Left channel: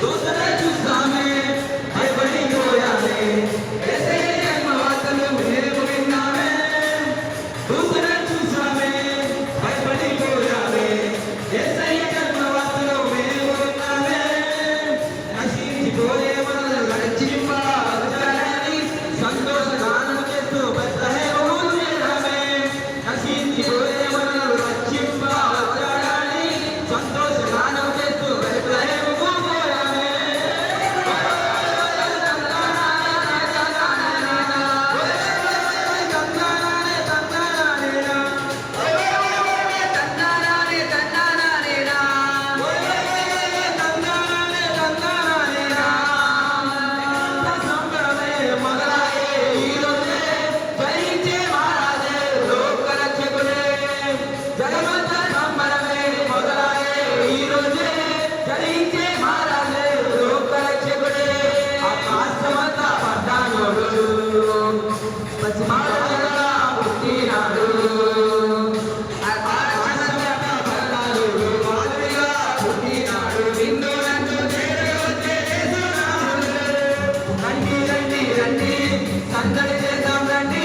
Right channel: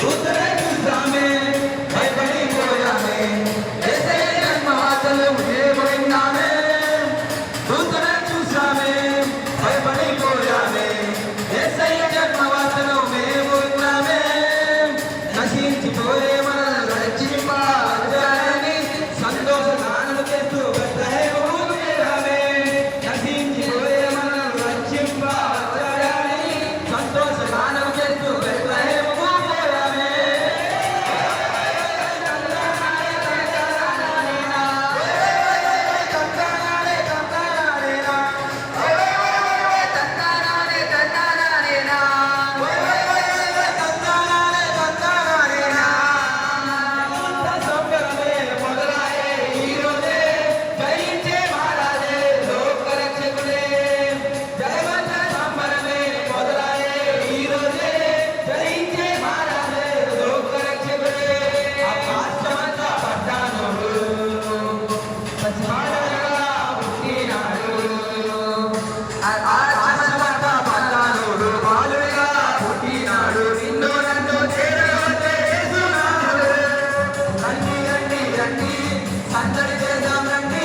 దూతనే చూసామే భయపడిపోయామే యేసయ్య జన్మ వార్తలు మేము విన్నామే దూతనే చూసామే భయపడిపోయామే యేసయ్య జన్మ వార్తలు మేము విన్నామే నశించిపోయే మనల్ని రక్షింపాలని సంతోషగానము చేస్తూ బెత్లెహేము చేరామే నశించిపోయే మనల్ని రక్షింపాలని సంతోషగానము చేస్తూ బెత్లెహేము పోయామే రండి రండి రండి సందడి చేద్దాం రండి